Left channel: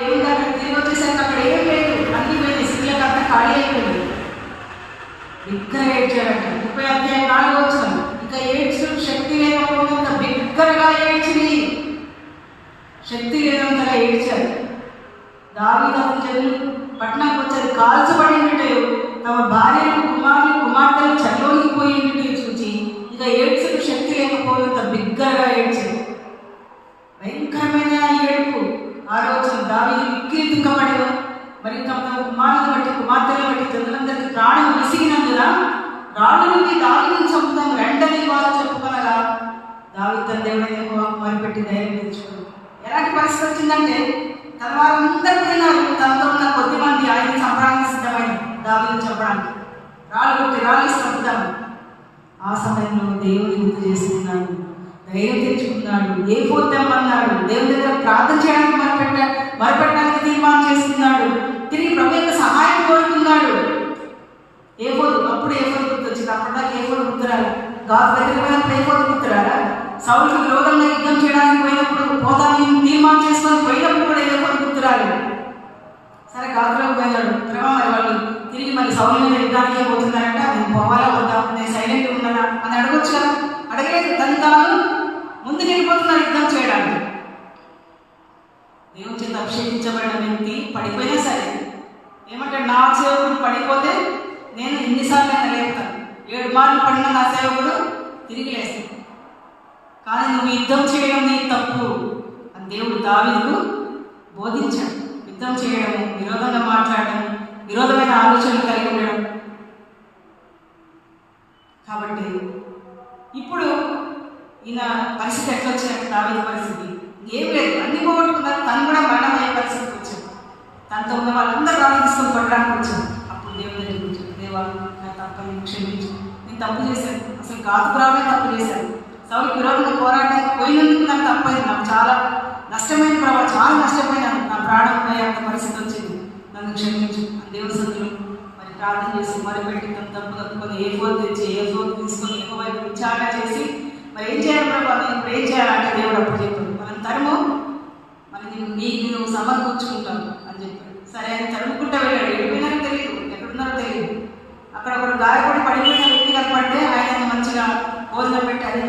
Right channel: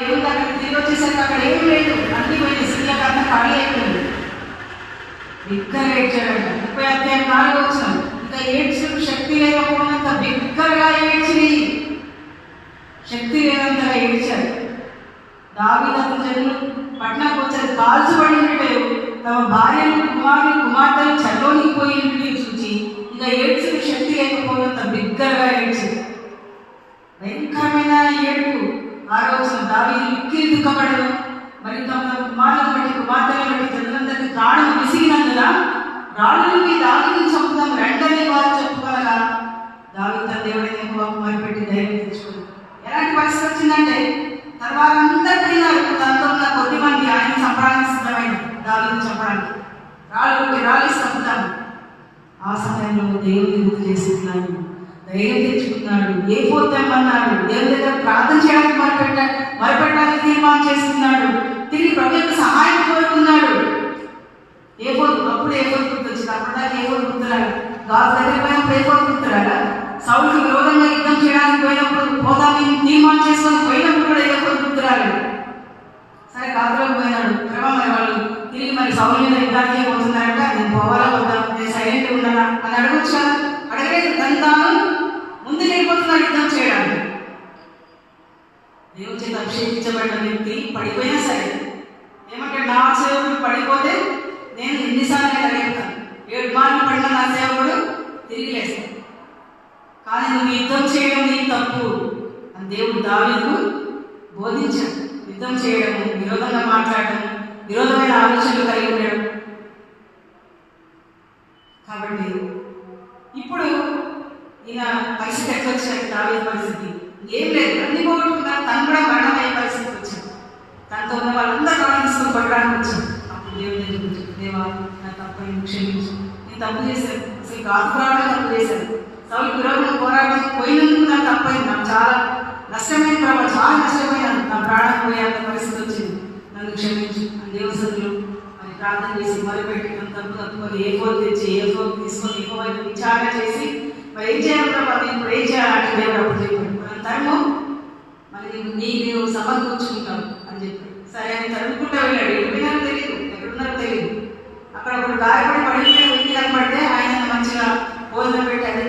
ఏముంది అక్కడ తిరిగి వచ్చేసరికి అక్కడ ఏం లేదు, అన్ని పోయింది, స్త్రీలకు అంతా ఖాళీ అయిపోయింది. బిగ్గరగా ఏడ్చాడంట. 30 అధ్యాయం 4వ వచనం. ఇంకా ఏడ్చు శక్తి లేకపోయినంత బిగ్గరగా ఏడ్చి శక్తి లేనంతగా ఏడ్చారు. దావీదు అతని జనులు పట్టణానికి వచ్చారు. కాల్చబడినట్టు తమ భార్యను కుమార్తెలు చల్లోనికి పోయినట్టు చూచి ఇక ఏడ్చు శక్తి లేకపోయినంత బిగ్గరగా ఏడ్చారు. భయంకరమైన ఏడుపు. 6వ వచనం. దావీదు మిక్కిలి దుఃఖపడను, మరి తమ కుమారులను బట్టి కుమార్తెలను బట్టి జనులందరికీ ప్రాణం విసిగినందున రాళ్ళు నుండి దావీదును చంపుదాం రెండని వారు చెప్పుకోనగా దావీదు తన దేవుడైన యెహోవాకు మొరపెట్టి ధైర్యం తెచ్చుకున్నాడు. ఎలాంటి పరిస్థితి వచ్చిందంటే తన వారందరూ పోయినారు. తనతో ఉన్న కొద్ది మంది ఆయన చంపడానికి సిద్ధమైన దావీదును చంపడానికి రాళ్ళు చంపుతాము. ఆ సమయంలో దేవుని గుర్తు చేసుకున్నాడు, ధైర్యం తెచ్చుకున్నాడు, ఏ పోతామన్నాడు, దేవుని దగ్గర ప్రార్థన చేయడానికి మొరపెట్టడానికి తీర్మానం చేసుకున్నాడు. తిరిగి ప్రభు యొక్క సహాయం కోరుకున్నాడు. అప్పుడు ఏఫోదు గుర్తొచ్చింది. అప్పటిదాకా ఏఫోదు గుర్తురాలి. గాజు దగ్గర పోయినప్పుడు ఏఫోదు గుర్తురాలా? సౌలుకు విరోధంగా యుద్ధం చేయడానికి పోయినప్పుడు పోతాన్ని తీర్మానం చేసుకొని పోయినప్పుడు కూడా ఏఫోదు గుర్తురాలి. సరే గాజులోకి పోయినాడు. తర్వాత మరి వాళ్ళు తిరిగి మరి సౌలు మీద యుద్ధానికే పోతున్నారంటే నేను పోవాలా వద్దా, నేను సైలెంట్ ఉన్నానా అని అడగొచ్చు కదా. అడగలేదు. తాను ముందుకు వెళ్ళిపోతున్నాడు యుద్ధం చేయడానికి. దేవుని చేత అభిషేకించబడిన వ్యక్తి పడిపోయినా సరే ఏమంటాడు, నా సేవకుడు పడిపోతే నేను ఎన్నిసార్లు లేపుతాను, 7 మార్లు పడిన నా సేవకుడు తిరిగి లేస్తాను, కానీ నువ్వు యుద్ధం చేయడం నీ తప్పు అని దేవుడు దావీదుకు బోధించాడు. యుద్ధం చేయడం, విరోధంగా మాట్లాడడం, విరోధమైన ఆలోచనలు కలిగి ఉండడం. కాబట్టి ఇప్పుడు ఈయన పరిస్థితి ఎట్లా వచ్చినట్టు దావీదు పరిస్థితి ఏం లేదు, అన్ని పోగొట్టుకున్నారు. తను కూడా మరణమయ్యే పరిస్థితి వచ్చింది. తనతో ఉన్న వాళ్ళందరూ ప్రార్థిస్తూ కొట్టడానికి వచ్చాను. అప్పుడు దేవుని దగ్గరికి వచ్చాను, దేవా నా తప్పని క్షమించు, నేను తప్పు చేశాను, అసలు గాతుకురావడం తప్పు చేశాను, సౌలు విరోధంగా పోరాటానికి పోయినందుకు నాకు తప్పైంది, నాకు చాలా నష్టమైన ప్రభావం, చాలా నష్టమైన నా ప్రాణం పోయేంత పరిస్థితి వచ్చింది, నన్ను క్షమించు అని దేవుని సన్నిధిలో మరి ప్రార్థన చేసి మొదలుపెట్టి తను తప్పు తప్పుకొని ఏఫోదు తెచ్చి ఏఫోదు తీసుకొని ఏఫోదు విచారణ చేసి మరి ఏం చేయాలన్నా వాళ్ళు ఇప్పుడు ఏం చేయాలంటే దేవుడు అప్పుడు చెప్పాడు, మనం తరము మరి నీవు సమకూర్చుకుంటావు అని చెప్పాడు. సరే అని తరుముకుంటా వెళ్ళాడు. ఎక్కడున్నారో తెలియదు, ఎక్కడున్నారో తెలియదు. అక్కడ ఒకడు గాయపడి పడిపోయిన వ్యక్తి కనపడితే ఆయన మంచిగా భోజనం పెట్టి అది